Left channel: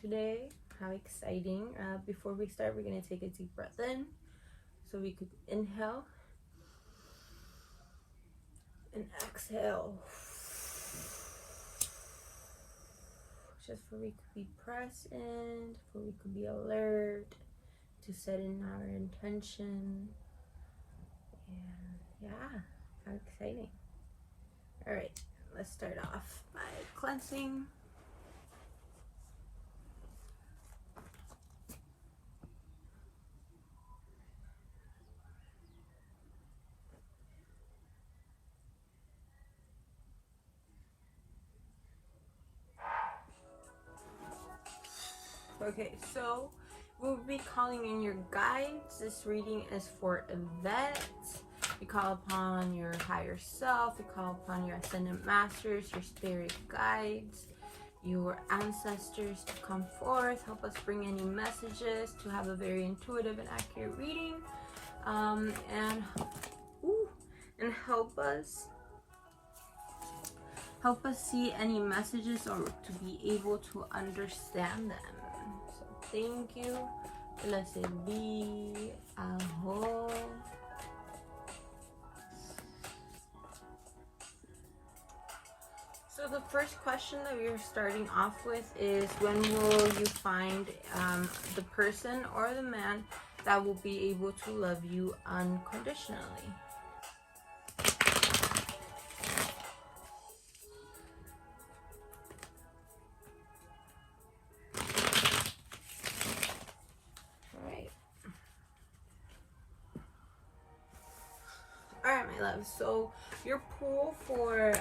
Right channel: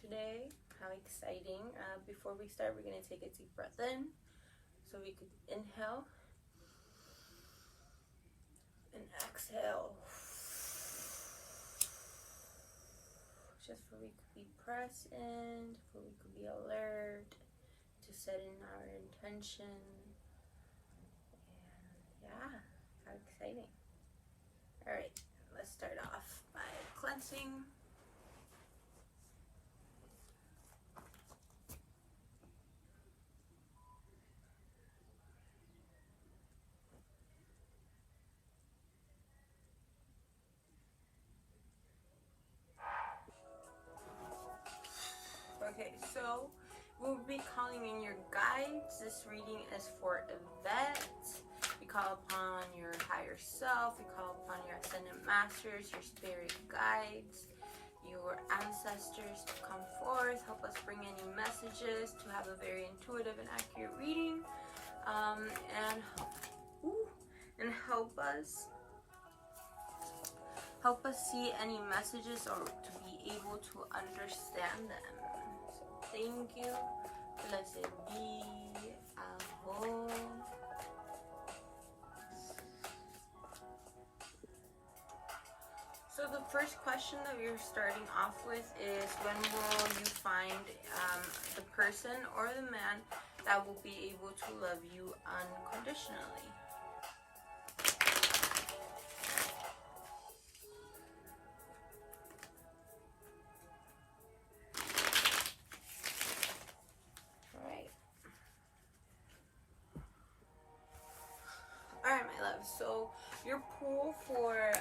today. How exciting. Before we start, we're going to take a deep breath in. So we could inhale and exhale. Just for we could be present, for we could be alert, to set in our intention. And yeah, how exciting. All right, let's start off by cleansing. Okay, so we'll be calling in your guides. This reading is for Yvettes. We call upon your higher self. We call upon your ascendant masters, your spirit guides, your ancestors to come forth, help us bring any messages, to have a very intuitive and accurate reading, and help us see any messages or to be able to understand them. So thank you. Blessed be. Aho. So the first question that we're starting off with is, when will you find the person or the man that will be able to love you unconditionally? Alright, my love, so your pool for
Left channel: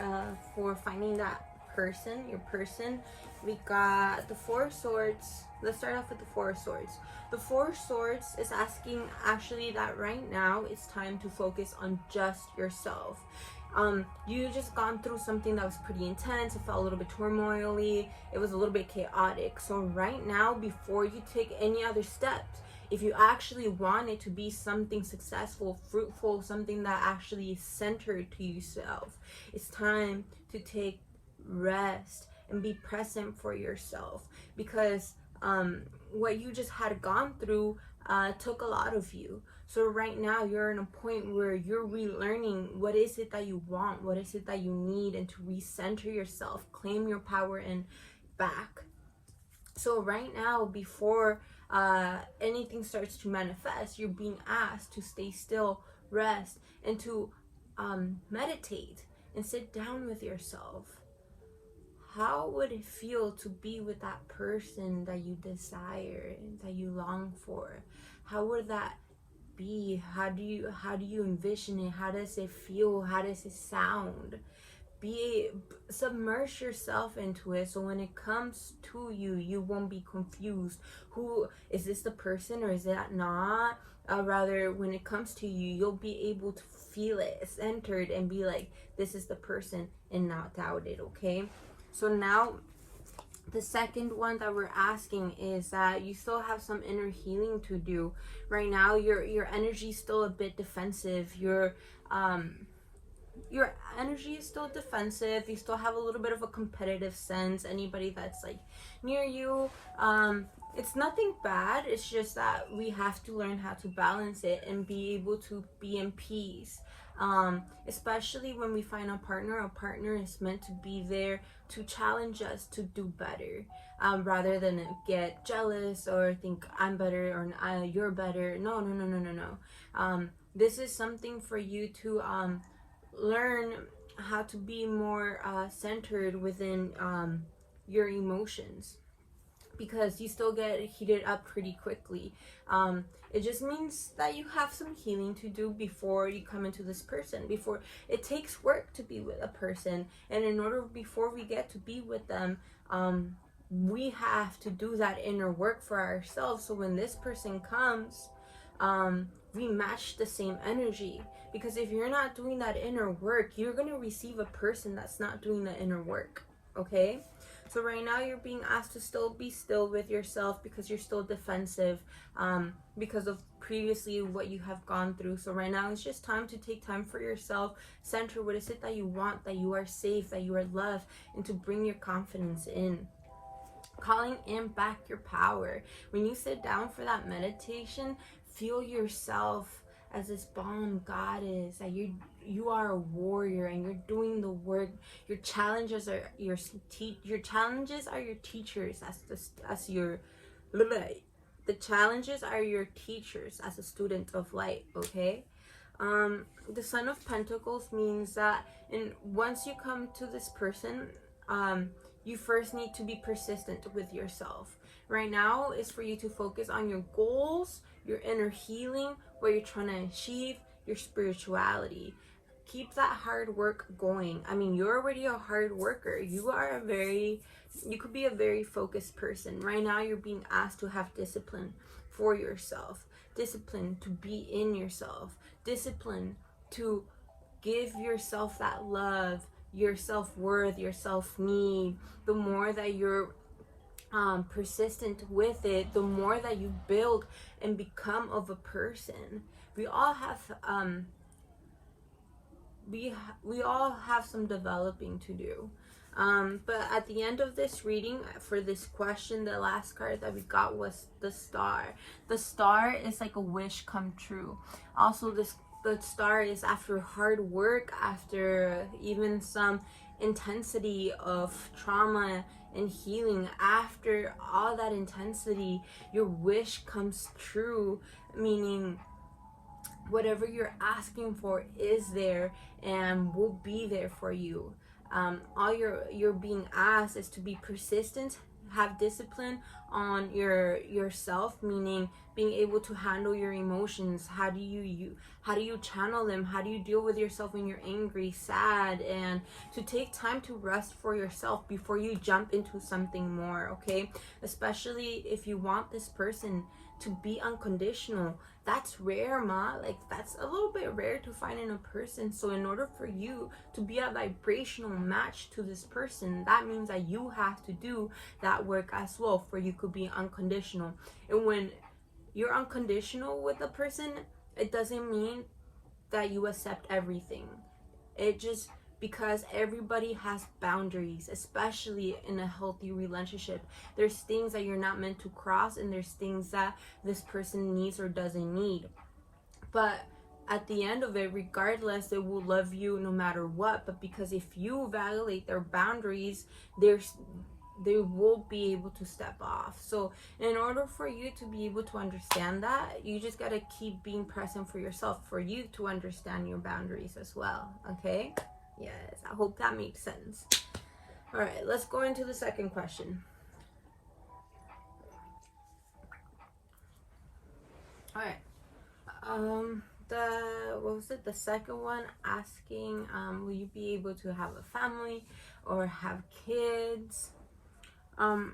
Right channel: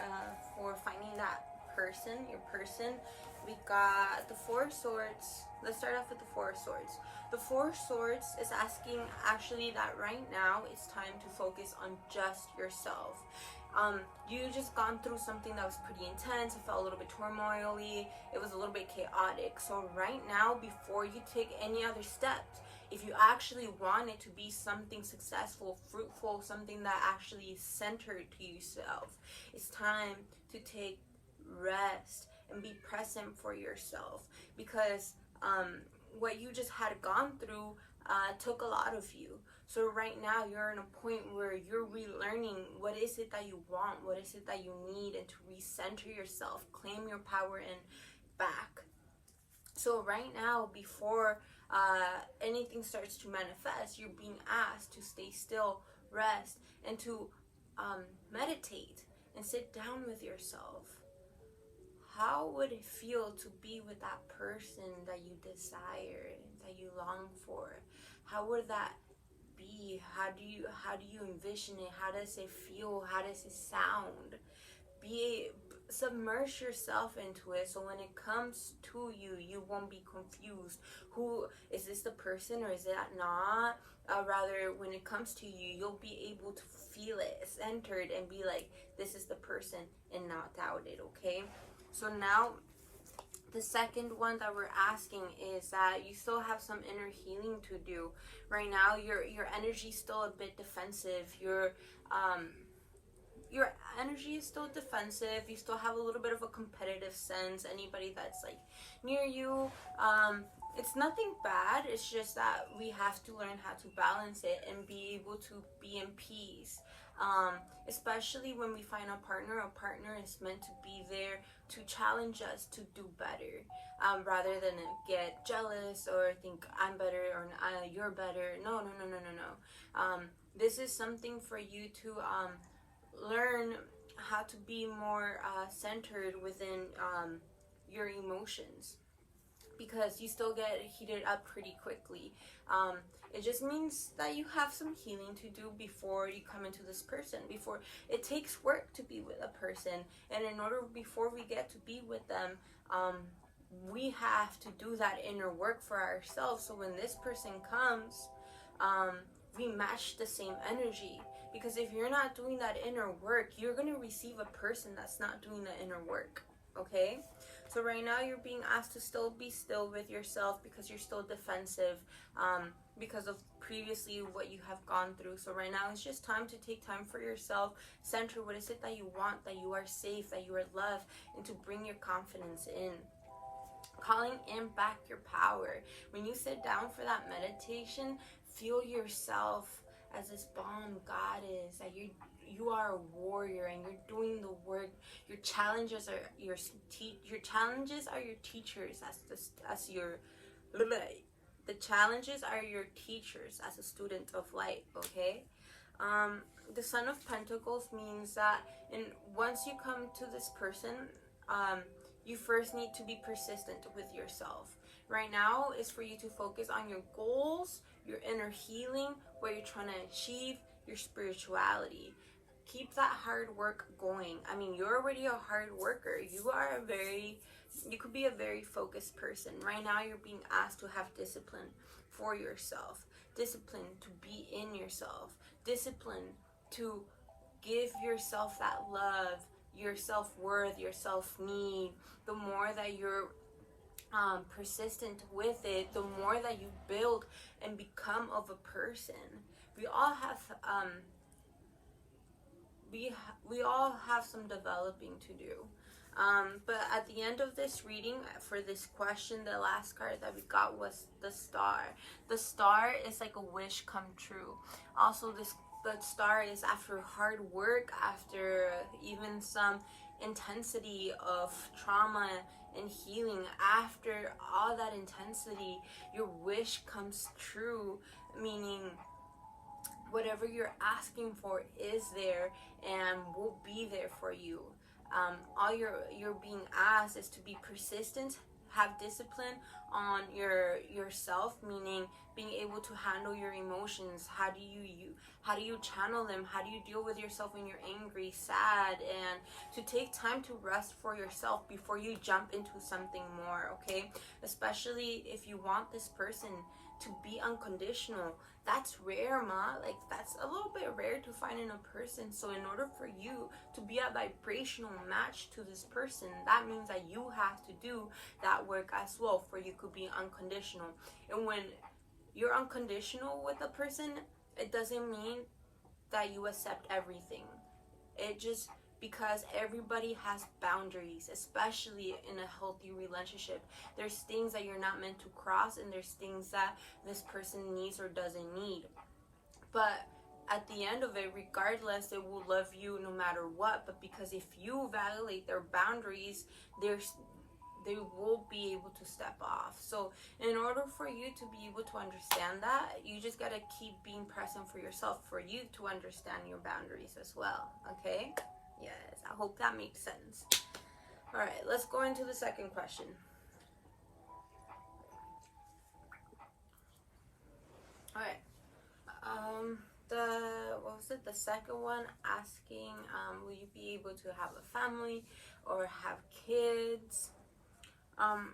finding that person, your person, we got the Four of Swords. Let's start off with the Four of Swords. The Four of Swords is asking actually that right now it's time to focus on just yourself. You just gone through something that was pretty intense. It felt a little bit turmoily. It was a little bit chaotic. So right now, before you take any other steps, if you actually want it to be something successful, fruitful, something that actually is centered to yourself, it's time to take rest and be present for yourself, because what you just had gone through took a lot of you. So right now you're in a point where you're relearning what is it that you want, what is it that you need, and to recenter yourself, claim your power and back. So right now, before anything starts to manifest, you're being asked to stay still, rest, and to meditate and sit down with yourself. How would it feel to be with that person that you desire, that you long for? How would that be? How do you envision it? How does it feel? How does it sound? Submerge yourself into it, so when it comes to you, you won't be confused. Who is this, the person, or is that not? Rather, when it comes to you, you'll be able to feel it centered and be like, this is the person, and not doubt it. Okay, so now the second one that we're asking is that you still have some inner healing to do. Right now, your energy is still a bit defensive. Your energy is still defensive. You still have a little bit of a competitive sense. Anybody that's like near you, it's nothing bad. It's just that we have to learn how to balance it and be able to be in peace. Especially when we find a partner is meant to be there to challenge us to do better, rather than get jealous or think I'm better or you're better. No. This is something for you to learn how to be more centered within your emotions, because you still get heated up pretty quickly. It just means that you have some healing to do before you come into this person. Before, it takes work to be with a person, and in order, before we get to be with them, we have to do that inner work for ourselves. So when this person comes, we match the same energy. Because if you're not doing that inner work, you're going to receive a person that's not doing the inner work. Okay? So right now you're being asked to still be still with yourself, because you're still defensive, because of previously what you have gone through. So right now it's just time to take time for yourself, center what is it that you want, that you are safe, that you are loved, and to bring your confidence in. calling in back your power. When you sit down for that meditation, feel yourself as this bomb goddess, that you are a warrior and you're doing the work. Your challenges are your teachers as your the challenges are your teachers as a student of light. Okay. The Son of Pentacles means that once you come to this person, you first need to be persistent with yourself. Right now is for you to focus on your goals, your inner healing, what you're trying to achieve, your spirituality. Keep that hard work going. I mean, you're already a hard worker. You could be a very focused person. Right now, you're being asked to have discipline for yourself, discipline to be in yourself, discipline to give yourself that love, your self-worth, your self-need. The more that you're persistent with it, the more that you build and become of a person. We all have we all have some developing to do. But at the end of this reading, for this question, the last card that we got was the Star. The Star is like a wish come true. Also, the Star is after hard work, after even some intensity of trauma and healing. After all that intensity, your wish comes true, meaning whatever you're asking for is there and will be there for you. All you're being asked is to be persistent, have discipline on yourself, meaning being able to handle your emotions. How do you channel them? How do you deal with yourself when you're angry, sad, and to take time to rest for yourself before you jump into something more. Okay, especially if you want this person to be unconditional. That's rare, like that's a little bit rare to find in a person. So in order for you to be a vibrational match to this person, that means that you have to do that work as well for you could be unconditional. And when you're unconditional with a person, it doesn't mean that you accept everything. It just, because everybody has boundaries, especially in a healthy relationship. There's things that you're not meant to cross, and there's things that this person needs or doesn't need. But at the end of it, regardless, they will love you no matter what. But because if you violate their boundaries, they will be able to step off. So in order for you to be able to understand that, you just got to keep being present for yourself, for you to understand your boundaries as well. Okay? Yes, I hope that makes sense. All right, let's go into the second question. All right. The second one asking, will you be able to have a family or have kids? I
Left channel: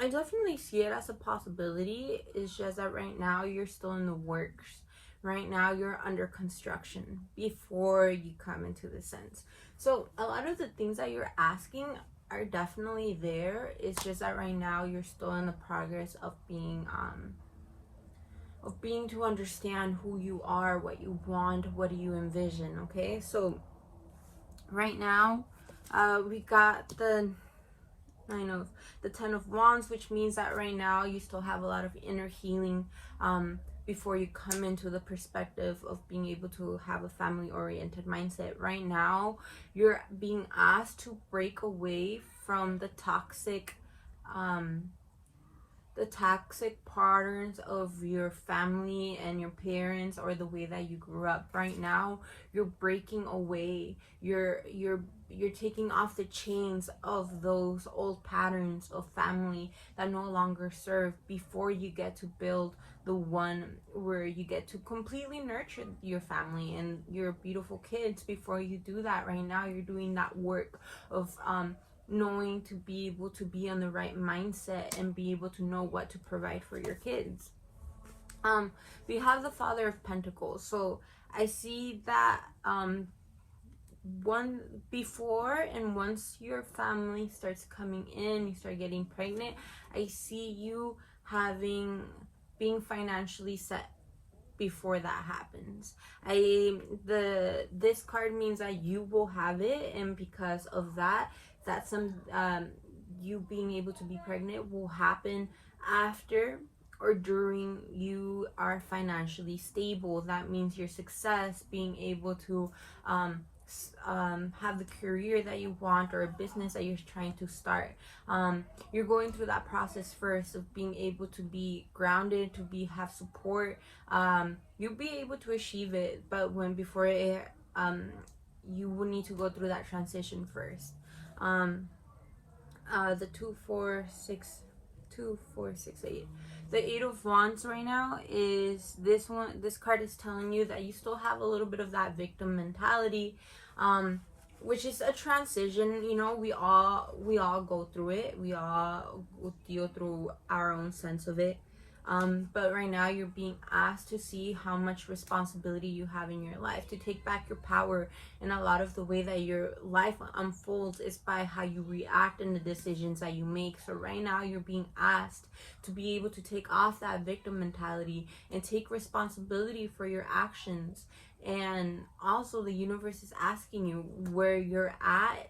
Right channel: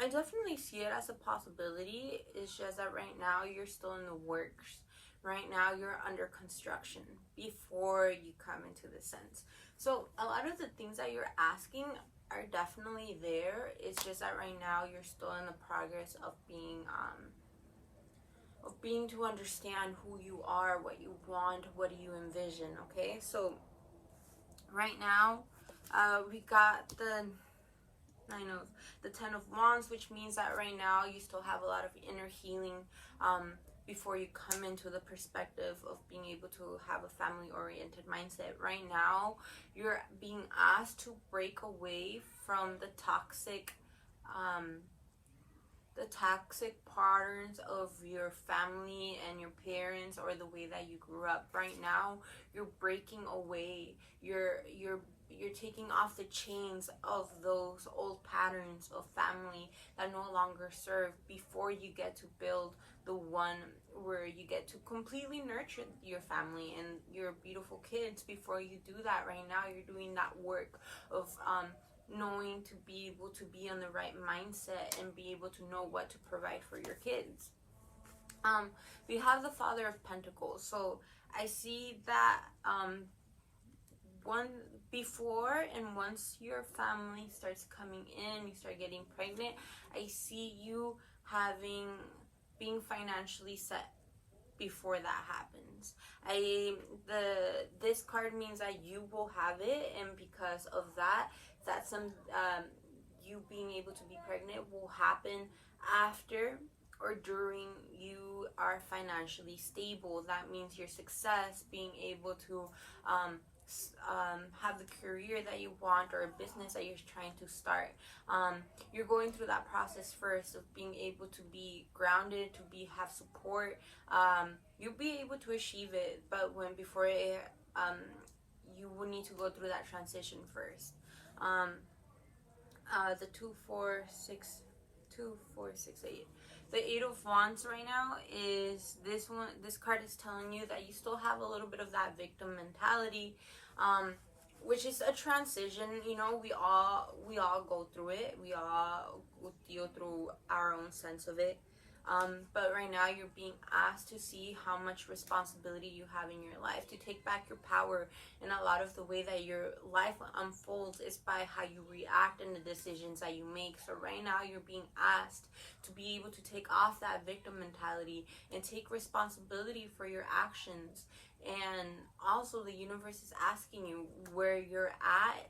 definitely see it as a possibility. It's just that right now you're still in the works. Right now you're under construction before you come into the sense. So a lot of the things that you're asking are definitely there. It's just that right now you're still in the progress of being to understand who you are, what you want, what do you envision. Okay, so right now we got the Ten of Wands, which means that right now you still have a lot of inner healing before you come into the perspective of being able to have a family-oriented mindset. Right now, you're being asked to break away from the toxic patterns of your family and your parents, or the way that you grew up. Right now, you're breaking away. You're taking off the chains of those old patterns of family that no longer serve, before you get to build the one where you get to completely nurture your family and your beautiful kids. Before you do that, right now you're doing that work of knowing to be able to be on the right mindset and be able to know what to provide for your kids. We have the Father of Pentacles. So I see that once your family starts coming in, you start getting pregnant, I see you being financially set before that happens. This card means that you will have it, and because of that, you being able to be pregnant will happen after or during you are financially stable. That means your success, being able to have the career that you want or a business that you're trying to start. You're going through that process first of being able to be grounded, to have support. You'll be able to achieve it, but before it, you will need to go through that transition first. The 2, 4, 6, 8. The 8 of Wands right now is this one. This card is telling you that you still have a little bit of that victim mentality, which is a transition. You know, we all go through it. We all deal through our own sense of it. But right now you're being asked to see how much responsibility you have in your life, to take back your power. And a lot of the way that your life unfolds is by how you react and the decisions that you make. So right now you're being asked to be able to take off that victim mentality and take responsibility for your actions. And also the universe is asking you where you're at.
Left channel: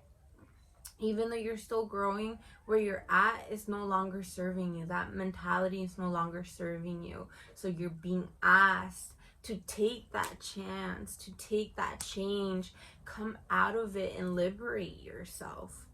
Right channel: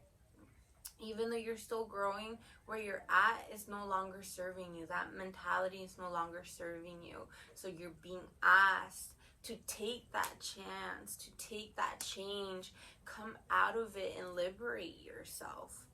Even though you're still growing, where you're at is no longer serving you. That mentality is no longer serving you. So you're being asked to take that chance, to take that change, come out of it and liberate yourself.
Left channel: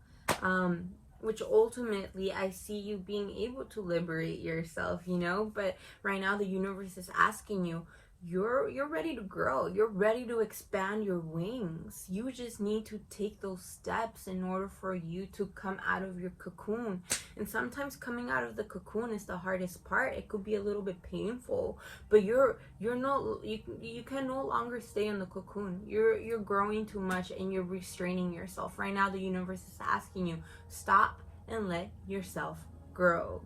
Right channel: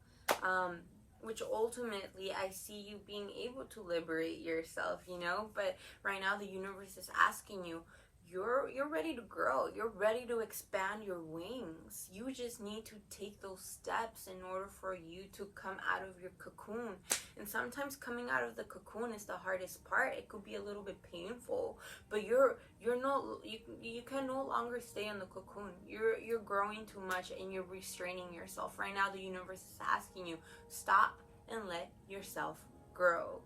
Which ultimately I see you being able to liberate yourself, you know. But right now the universe is asking you, you're ready to grow, you're ready to expand your wings. You just need to take those steps in order for you to come out of your cocoon. And sometimes coming out of the cocoon is the hardest part. It could be a little bit painful, but you can no longer stay in the cocoon. You're growing too much and you're restraining yourself. Right now the universe is asking you, stop and let yourself grow.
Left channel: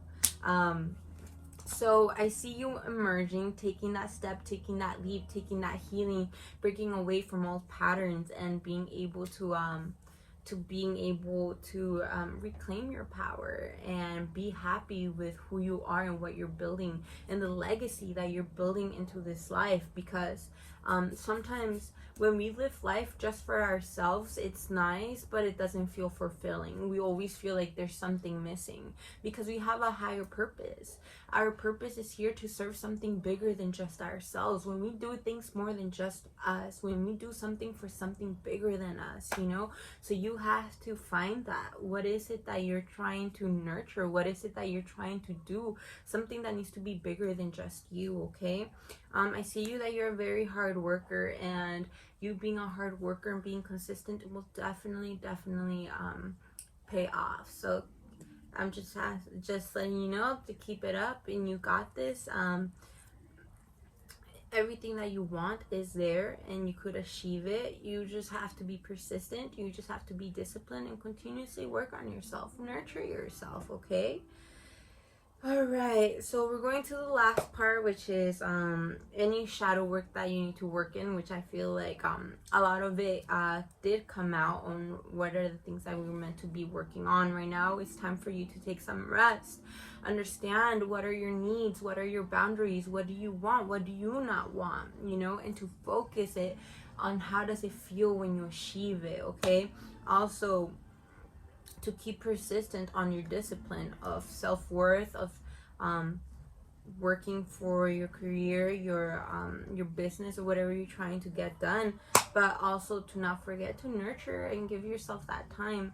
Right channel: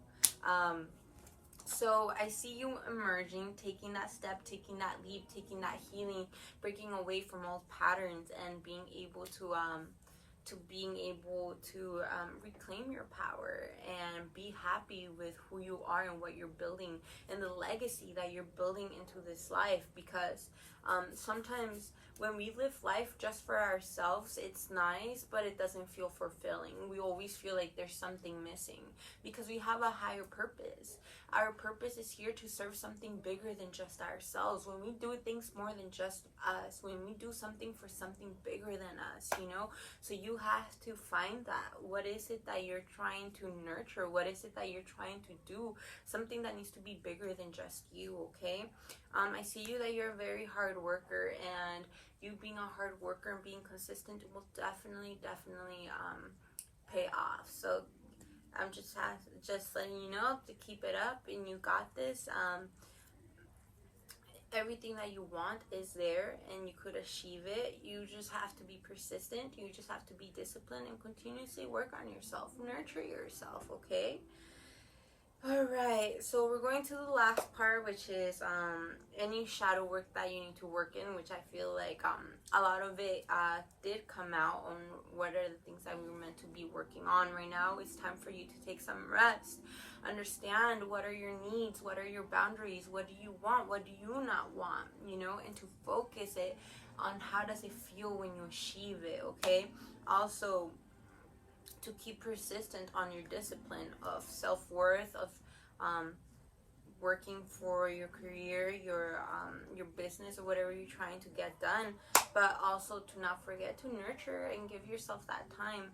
So I see you emerging, taking that step, taking that leap, taking that healing, breaking away from old patterns, and being able to reclaim your power and be happy with who you are and what you're building and the legacy that you're building into this life. Because sometimes when we live life just for ourselves, it's nice, but it doesn't feel fulfilling. We always feel like there's something missing because we have a higher purpose. Our purpose is here to serve something bigger than just ourselves. When we do things more than just us, when we do something for something bigger than us, you know? So you have to find that. What is it that you're trying to nurture? What is it that you're trying to do? Something that needs to be bigger than just you, okay? I see you that you're a very hard worker, and you being a hard worker and being consistent will definitely pay off. So I'm just letting you know to keep it up, and you got this. Everything that you want is there, and you could achieve it. You just have to be persistent. You just have to be disciplined and continuously work on yourself, nurture yourself, okay? All right, so we're going to the last part, which is any shadow work that you need to work in, which I feel like a lot of it did come out on what are the things that we were meant to be working on. Right now it's time for you to take some rest, understand what are your needs, what are your boundaries, what do you want, what do you not want, you know, and to focus it on how does it feel when you achieve it, okay? Also, to keep persistent on your discipline of self-worth, of working for your career, your business, or whatever you're trying to get done, but also to not forget to nurture and give yourself that time,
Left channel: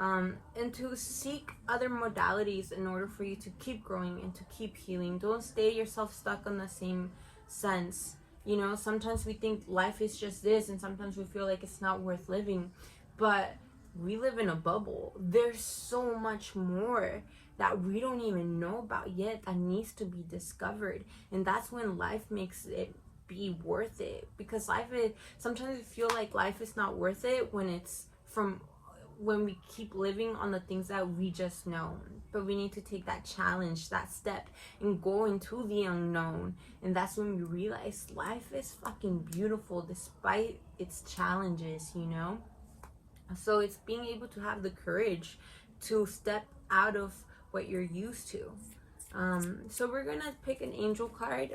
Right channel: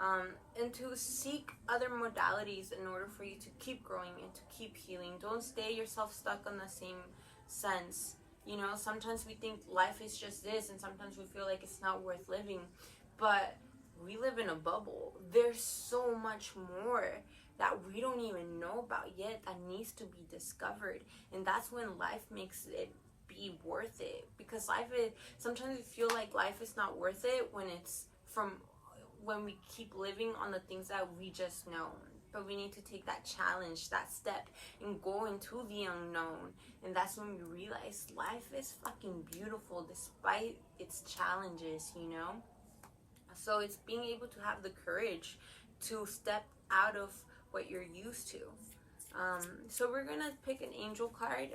and to seek other modalities in order for you to keep growing and to keep healing. Don't stay yourself stuck on the same sense. You know, sometimes we think life is just this, and sometimes we feel like it's not worth living, but we live in a bubble. There's so much more that we don't even know about yet that needs to be discovered. And that's when life makes it be worth it. Because life is, sometimes we feel like life is not worth it when we keep living on the things that we just know. But we need to take that challenge, that step, and go into the unknown. And that's when we realize life is fucking beautiful despite its challenges, you know? So it's being able to have the courage to step out of what you're used to. So we're gonna pick an angel card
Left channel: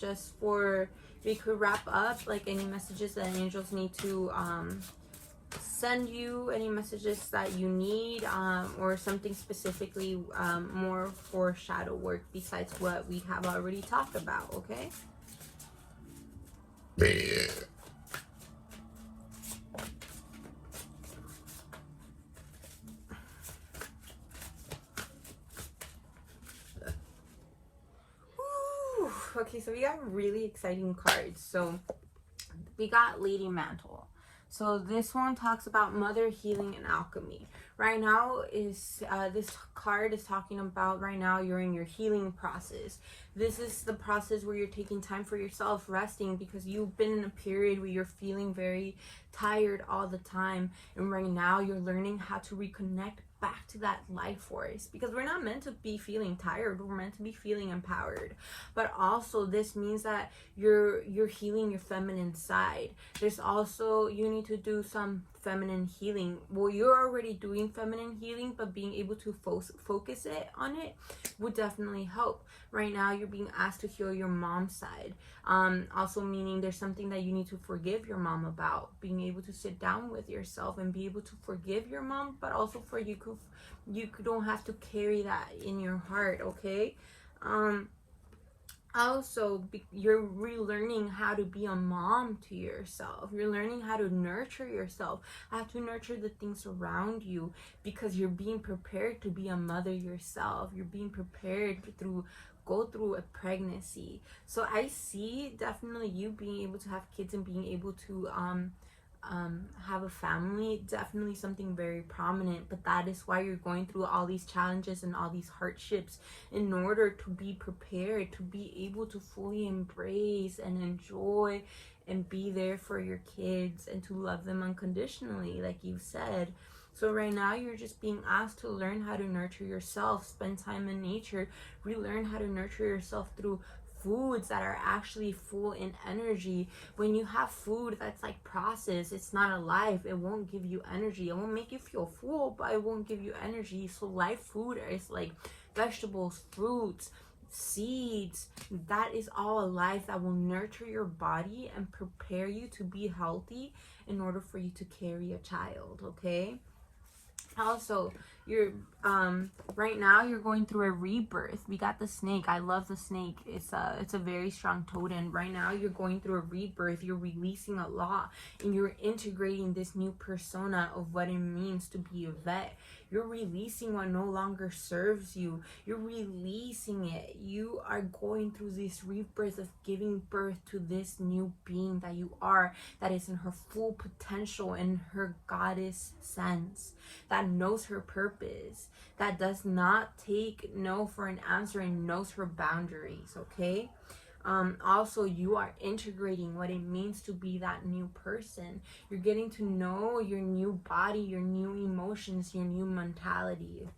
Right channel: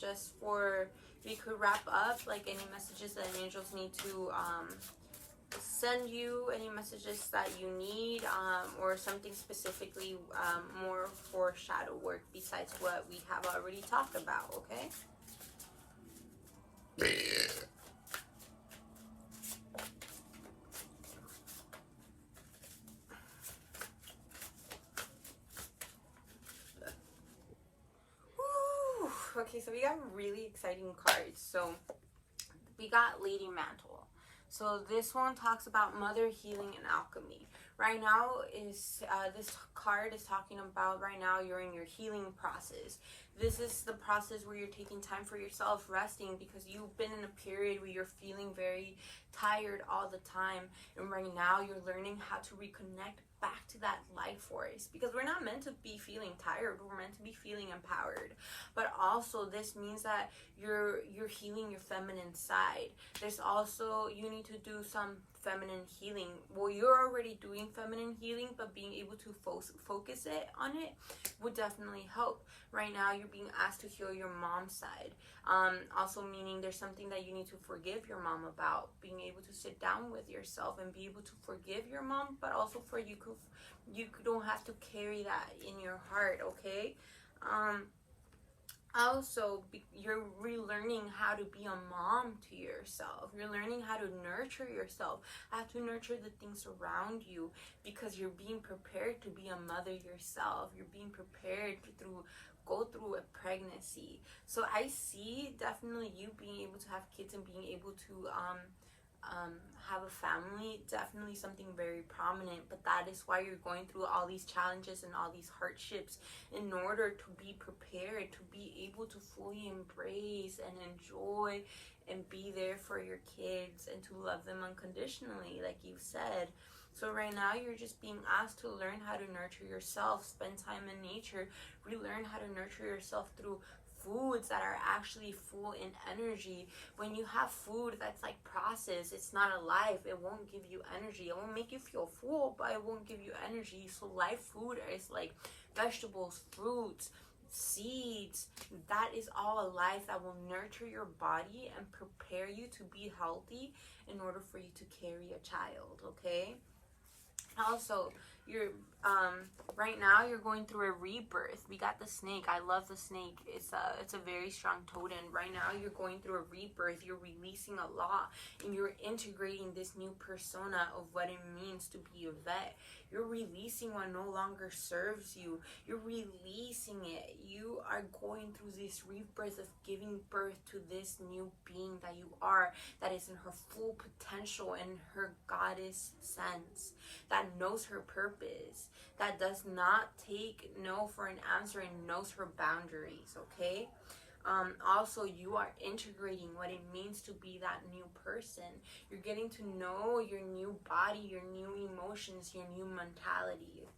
just for, we could wrap up like any messages that angels need to send you any messages that you need, or something specifically more for shadow work besides what we have already talked about, okay? Okay, so we got really exciting cards. So we got Lady Mantle. So this one talks about mother, healing, and alchemy. Right now is this card is talking about right now you're in your healing process. This is the process where you're taking time for yourself, resting, because you've been in a period where you're feeling very tired all the time, and right now you're learning how to reconnect back to that life force, because we're not meant to be feeling tired, we're meant to be feeling empowered. But also this means that you're healing your feminine side. There's also, you need to do some feminine healing. Well, you're already doing feminine healing, but being able to focus it on it would definitely help. Right now you're being asked to heal your mom's side, also meaning there's something that you need to forgive your mom about. Being able to sit down with yourself and be able to forgive your mom, but also for you don't have to carry that in your heart, okay? Also, you're relearning how to be a mom to yourself. You're learning how to nurture yourself, how to nurture the things around you, because you're being prepared to be a mother yourself. You're being prepared to go through a pregnancy. So I see definitely you being able to have kids and being able to have a family, definitely something very prominent. But that is why you're going through all these challenges and all these hardships, in order to be prepared to be able to fully embrace and enjoy and be there for your kids and to love them unconditionally, like you said. So right now you're just being asked to learn how to nurture yourself, spend time in nature, relearn how to nurture yourself through foods that are actually full in energy. When you have food that's like processed, it's not alive, it won't give you energy. It won't make you feel full, but it won't give you energy. So live food is like vegetables, fruits, seeds, that is all alive, that will nurture your body and prepare you to be healthy in order for you to carry a child, okay? Also, you're right now you're going through a rebirth. We got the snake. I love the snake. It's a very strong totem. Right now you're going through a rebirth. You're releasing a lot, and you're integrating this new persona of what it means to be Yvette. You're releasing what no longer serves you. You're releasing it. You are going through this rebirth of giving birth to this new being that you are, that is in her full potential, in her goddess sense, that knows her purpose, that does not take no for an answer and knows her boundaries, okay? Also, you are integrating what it means to be that new person. You're getting to know your new body, your new emotions, your new mentality.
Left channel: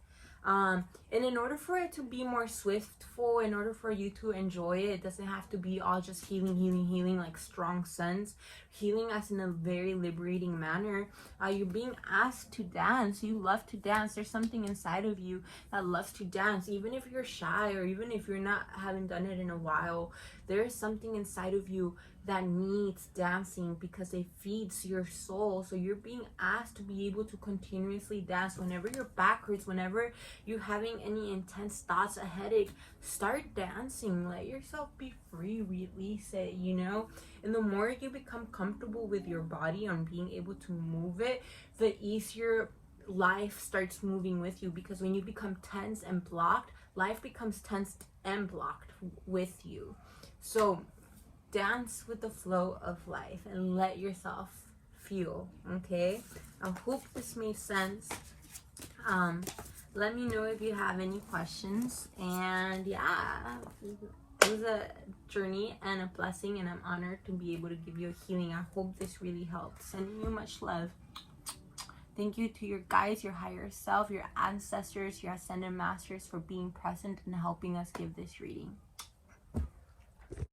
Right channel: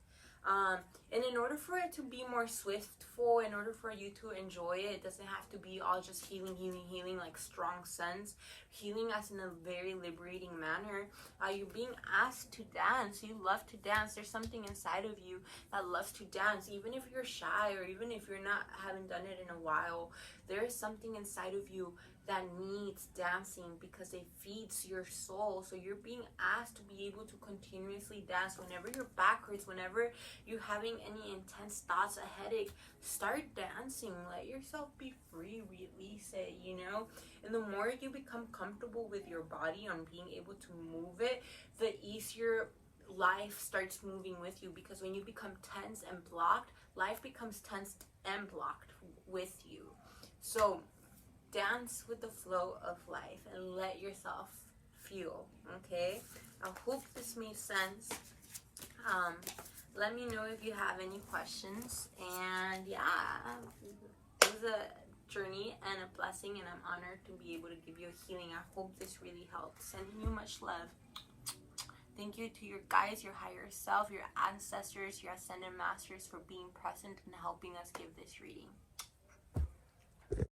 And in order for it to be more swiftful, in order for you to enjoy it, it doesn't have to be all just healing, like strong sense. Healing as in a very liberating manner. You're being asked to dance. You love to dance. There's something inside of you that loves to dance. Even if you're shy, or even if you're not, haven't done it in a while, there is something inside of you that needs dancing because it feeds your soul. So you're being asked to be able to continuously dance. Whenever your back hurts, whenever you're having any intense thoughts, a headache, start dancing. Let yourself be free, release it, you know? And the more you become comfortable with your body and being able to move it, the easier life starts moving with you. Because when you become tense and blocked, life becomes tense and blocked with you. So dance with the flow of life and let yourself feel, okay? I hope this made sense. Let me know if you have any questions. And yeah, it was a journey and a blessing, and I'm honored to be able to give you a healing. I hope this really helped. Sending you much love. Thank you to your guides, your higher self, your ancestors, your ascended masters for being present and helping us give this reading.